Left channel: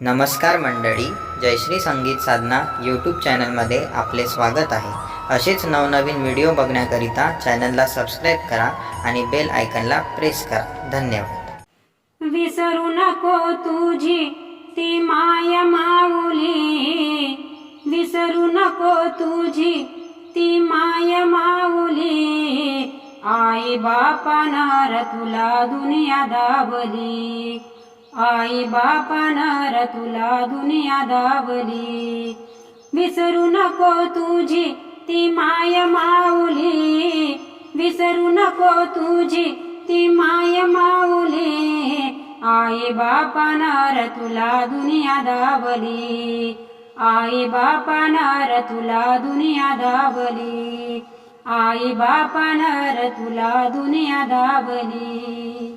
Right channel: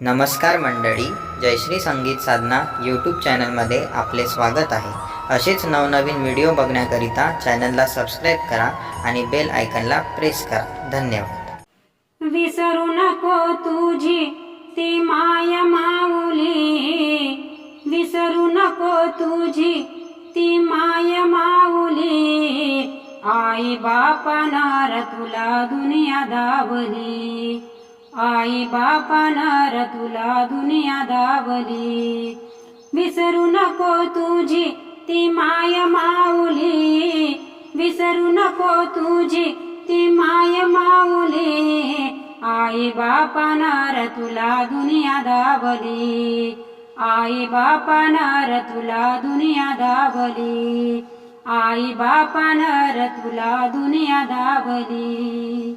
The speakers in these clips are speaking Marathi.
नमस्कार मंडळी, जयश्री संगीत साधना यूट्यूब चॅनलमध्ये आपले स्वागत आहे। असेच नवनवीन व्हिडिओ बघण्याकरिता चॅनलला सबस्क्राईब करा आणि बेल आयकॉनला प्रेस करा। धन्यवाद। विसरू नको तुझी ती माय माऊली, विसरू नको तुझी ती माय माऊली। आई बापानं तुला दुनिया दावली, आई बापानं तुला दुनिया दावली। विसरू नको तुझी ती माय माऊली, विसरू नको तुझी ती माय माऊली। आई बापानं तुला दुनिया दावली, आई बापानं तुला दुनिया दावली, आई बापानं तुला दुनिया दावली।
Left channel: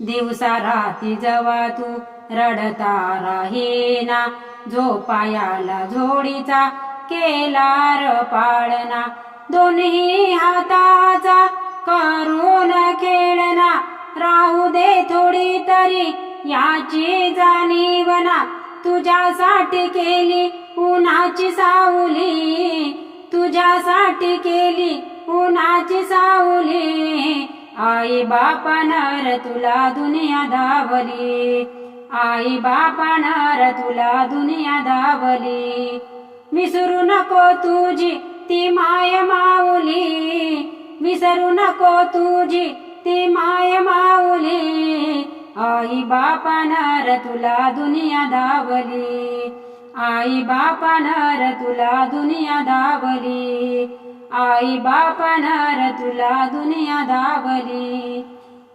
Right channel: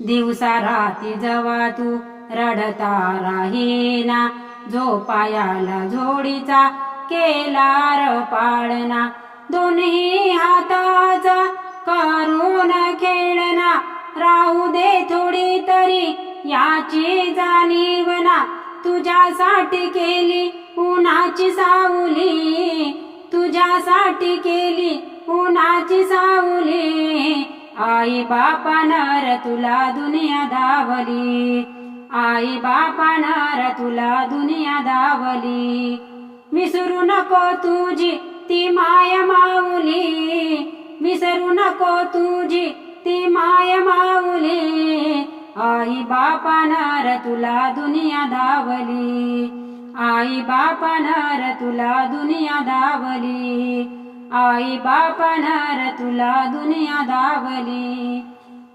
दिवसा राती जवा तू रडता राहीना, झोपायाला झोडीचा केला पाळणा। दोन्ही हाताचा करून खेळना, राहू दे थोडी तरी याची जाणीवना। तुझ्यासाठी केली उन्हाची सावली, तुझ्यासाठी केली उन्हाची सावली। आई बापानं तुला दुनिया दावली, आई बापानं तुला दुनिया दावली। विसरू नको तुझी ती माय माऊली, विसरू नको तुझी ती माय माऊली। आई बापानं तुला दुनिया दावली, आई बापानं तुला दुनिया दावली, आई बापानं तुला दुनिया दावली।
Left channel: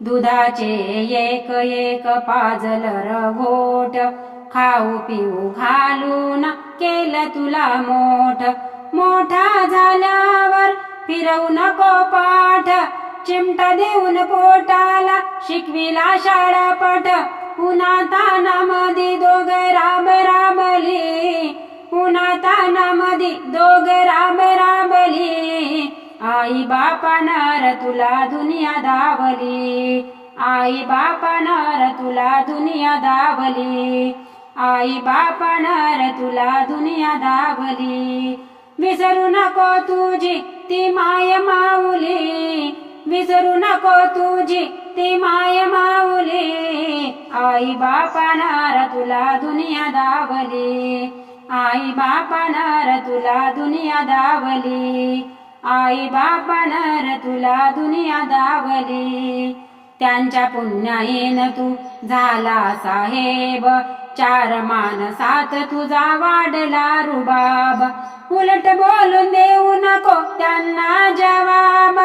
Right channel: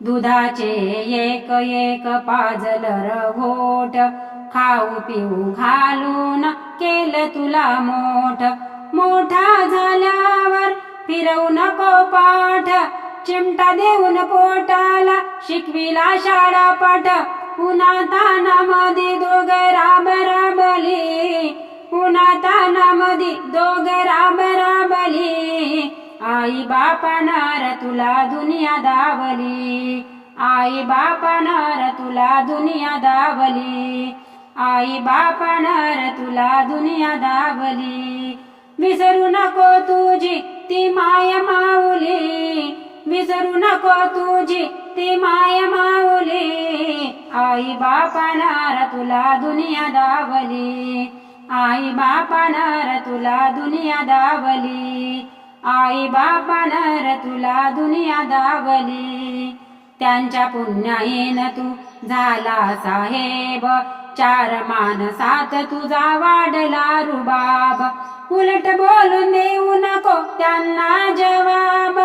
दुधाचे एक एक पाजलं घोट, खाऊ पिऊ घालून केलं तुला मोठ। मोठा झाल्यावर फिरवू नको पाठ, चिमटा देऊन पोटाला शिकविला शाळा पाठ। उन्हातानामध्ये दोघं राबली, उन्हातानामध्ये दोघं राबली। आई बापानं तुला दुनिया दावली, आई बापानं तुला दुनिया दावली, आई बापानं तुला दुनिया दावली। विसरू नको तुझी ती माय माऊली, विसरू नको तुझी ती माय माऊली। आई बापानं तुला दुनिया दावली, आई बापानं तुला दुनिया दावली, आई बापानं तुला दुनिया दावली। त्यांच्या पुण्याईनं तू झाला साहेब, चार माणसात तुझा वाढला रुबाब। उलट बोलून देऊ नको त्यांना जवाब,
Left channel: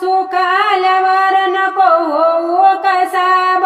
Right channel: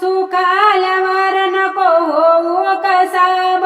सुख आल्यावर नको होऊ कसाब।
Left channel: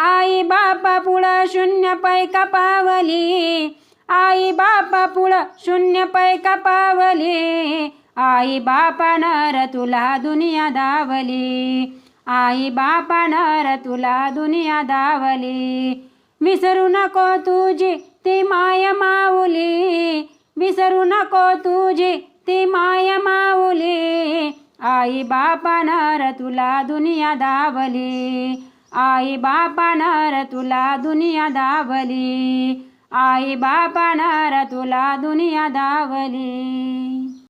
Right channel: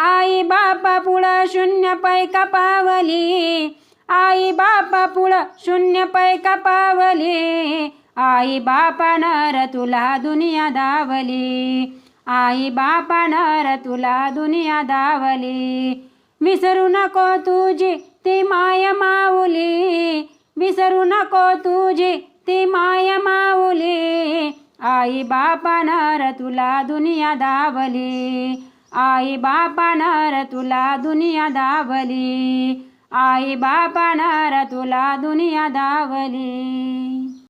आई बापा पुढं शून्य पैका पावली, आई बापा पुढं शून्य पैका पावली। आई बापानं तुला दुनिया दावली, आई बापानं तुला दुनिया दावली। विसरू नको तुझी ती माय माऊली, विसरू नको तुझी ती माय माऊली। आई बापानं तुला दुनिया दावली, आई बापानं तुला दुनिया दावली, आई बापानं तुला दुनिया दावली।